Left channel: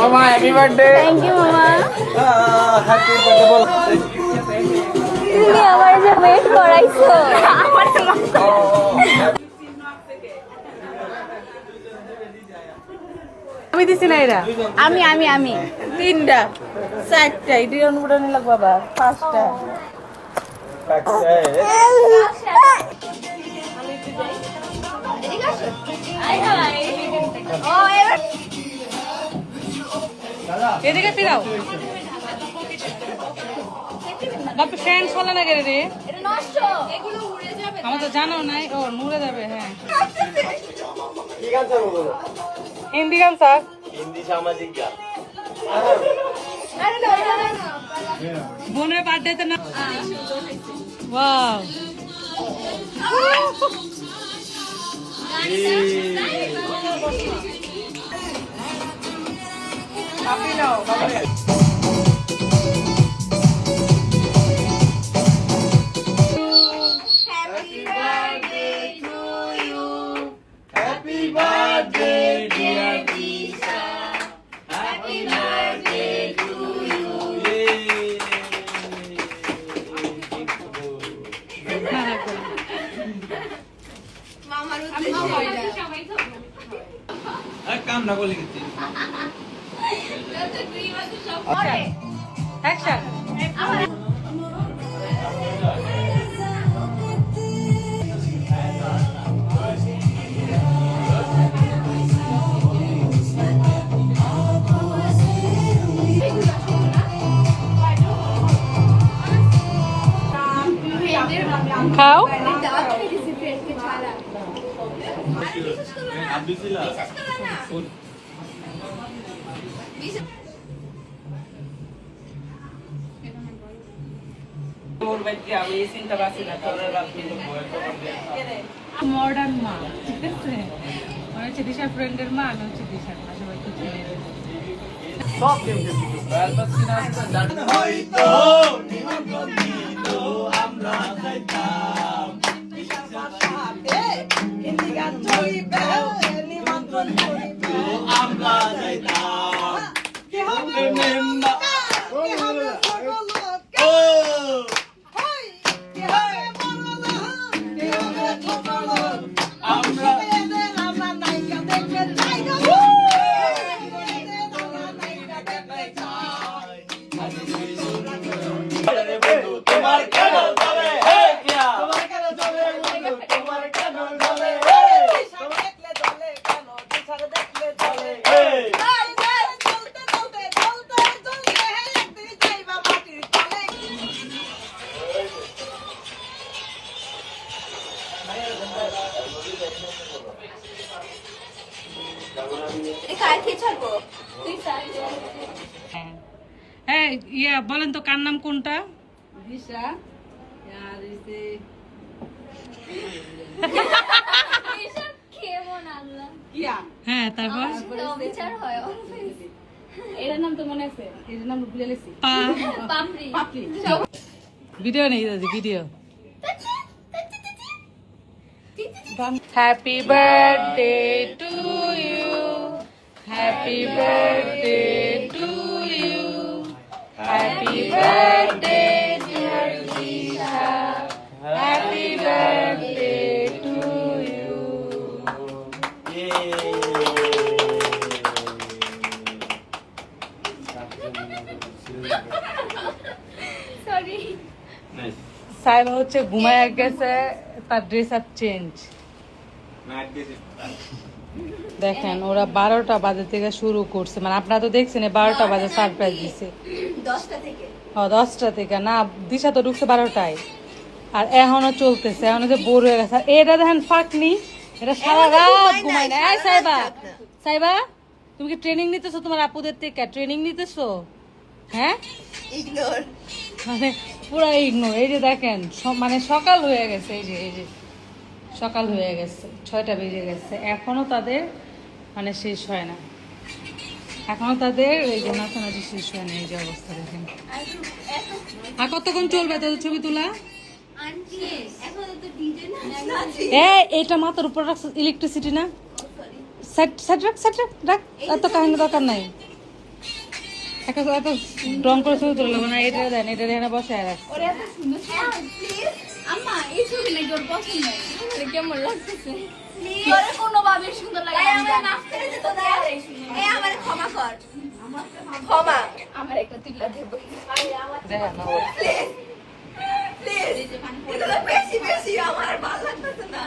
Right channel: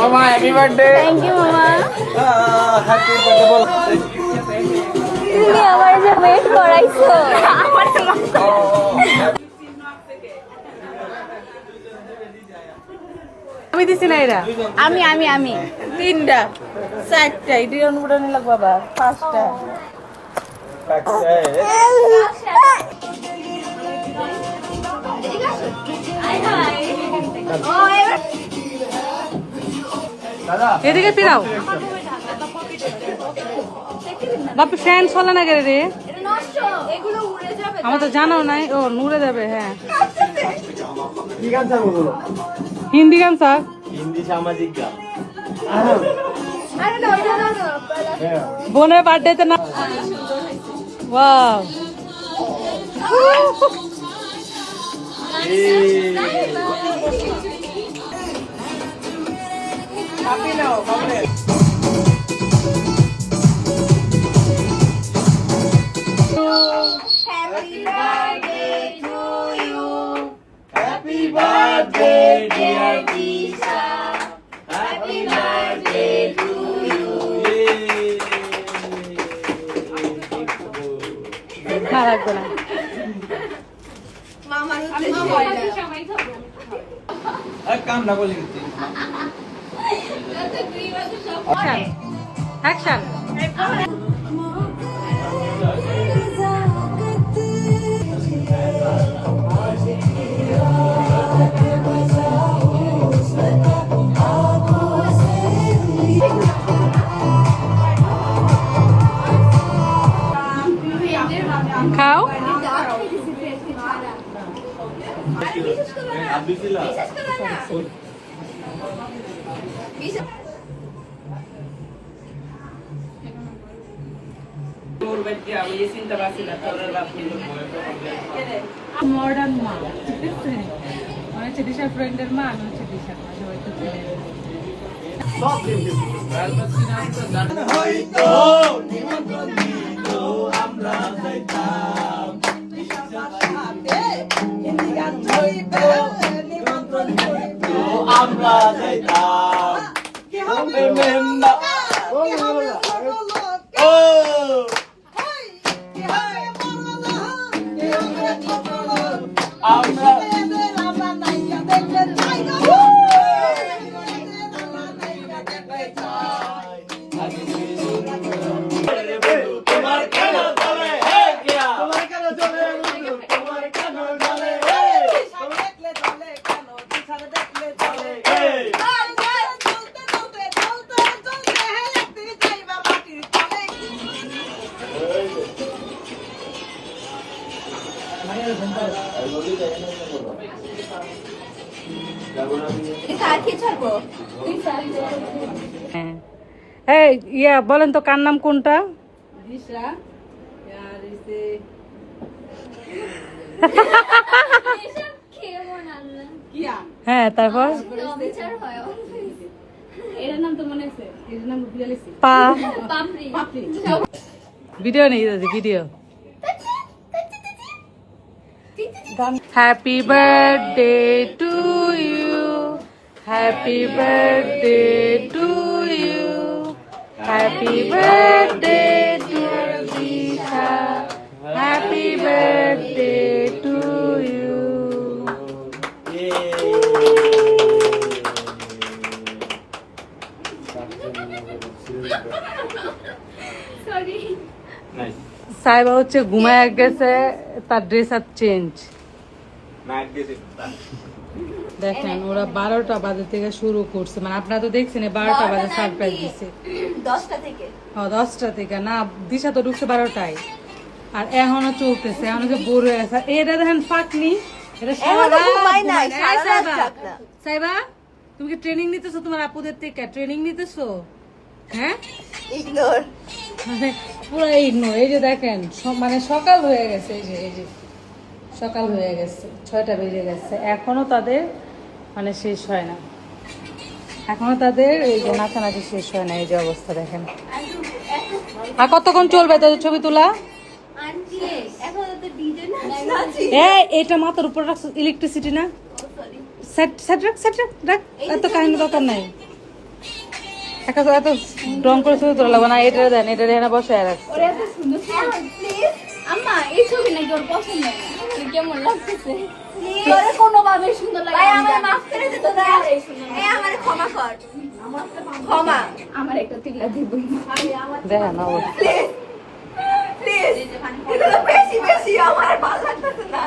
মামা happy birthday. Thank you মামা। Happy birthday বল। তুমি আমার যে ওয়েট করাইছো। আমি দিছি না এরা আমি আমি আমি তিনটা চারটা এটির অনুমোদন লাগবে বাবা পাঁচটা এদিকে ফিরাও বাপু ফ্যান চলে না গেলে রে আমার তো জানাও নাই ও উড়ে যাবে হ্যাঁ হিন্দি গান স্যার বোনের বার্থডেতে না wow Happy birthday, dear Tisha. Happy birthday to you. না রাখবো না কাম না বলে গেছি। খাও মডার্ন মা ঠিক আছে মানে হচ্ছে দিশার ফ্রেন্ডের মা আমি হচ্ছে দিশার মা সবাই তো ছেড়ে হয়তো নিমন্ত্রণ দিল আমরা যাইতাম। নিমন্ত্রণ দিল আমরা যাইতাম। মেম্বার ও আমরা তোমার কেন চলে হে কিয়া তোমার কেন চলে তোমার কেন চলে হে দেখলে চলে কেন দিশার দেখলে চলে হে এই ইয়া বলেন তো কার নাম কোনটা দিশা আর এসে কিয়া হ্যাঁ তারপর এটার নাম তো মনে আছে এটার নাম ভুলে গেছি পা পাপড়ি ভিডিও নেই দাদি video happy birthday to you happy birthday to you happy birthday dear Disha happy birthday to you সাইবা হচ্ছে ঘুমায় গেছে তার ড্রেস আপ চেঞ্জ দেখেন ওরা 12টা বাজে থেকে শুরু করছে মানে আপনারা তো দেখছেন 12টা বাজে সারপ্রাইজ দিছে 10টা থেকে না দিশা তো ঢুকছে 12টায় আর এখনো চলতেছে এখনো যে বোর হয়ে গেছে এটা দেখেন ফাঁকনি এটা সারা রাত ঘুমায় না সাইবা সাইবা তুমি কি ট্রেনিং নিতেছো তোমার আপুদের থেকে ট্রেনিং নিতেছো হ্যাঁ মানে পুরো ইগনোর এই যে দেখেন মানে সকাল হয়ে গেছে এই যে সকাল হয়ে গেছে 6টা বেজে গেছে এখনো তাদের মানে শেষ হয় না এখনো তাদের এই যে নাচানাচি শেষ হয় না এই যে অবস্থা দেখেন আর কতক্ষণ চলবে তাদের ছবি তোলা এটা মাথার উপর রাখছে ইলেকট্রিসিটি না সেট সেট রাখ সেট রাখ রাখ এত কাহিনী দরকার নাই একা এত রং করে ছবি তোলা লাগবে না এটা দেন এটা রেহানা বসে আর ওরে এত সুন্দর প্লিজ আম্মা এই ছবি নাকি ওর পছন্দ না তোর কেমন লাগতেছে ওরে কোনোভাবে সুন্দর লাগে না আমার মাফ করে দে তো এই আমারে ক্ষমা কর ক্ষমা আমার একটা তিল্লা দিবই দেখেন প্লিজ বেশি বেশি আমার ভালো লাগতেছে না